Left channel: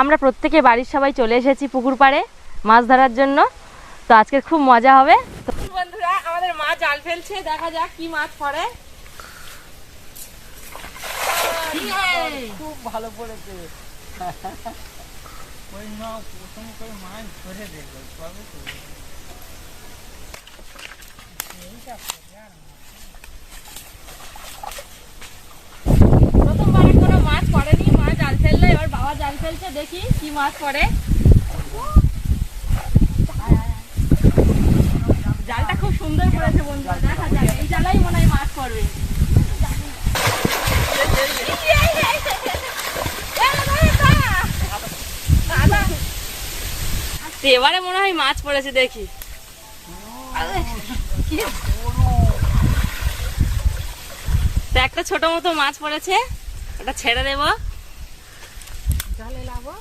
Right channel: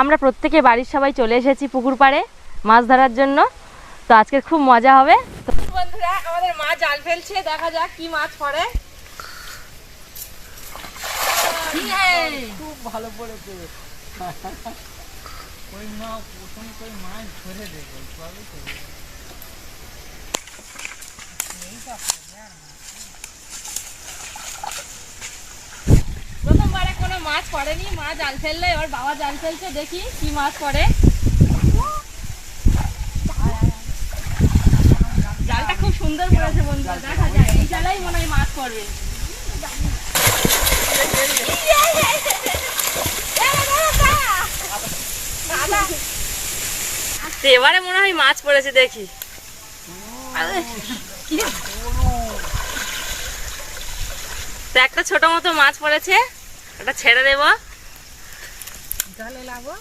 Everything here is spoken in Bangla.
আমরা প্রত্যেকে বাড়ির সবাই চলে এসেছি পুকুর পাড়ে মাছ ধরার জন্য। তো আজকে খুব মজা হবে। বন্ধুরা আমাদের মা জাল ফেলছে, দেখা যাক কি মাছ পড়ে। খুব ভালো পড়েছে। ওই মা প্রথম করে মাছ ধরে দেবে প্রথমবারে কোনো মাছ পড়েনি, মা জাল ফেললে, এবার বাবা জাল ফেলছে, দেখি কি মাছ পড়ে। জালটা খুব সুন্দর পড়েছে বন্ধুরা, দেখা যাক এই জালাই মনে হয় মাছ পড়বে। এবারে মনে হয় মাছ পড়েছে, দেখি। তো একটা ছোট মতো মাছ পড়েছে, এটা ছেড়ে দেবো, জলে লাবো।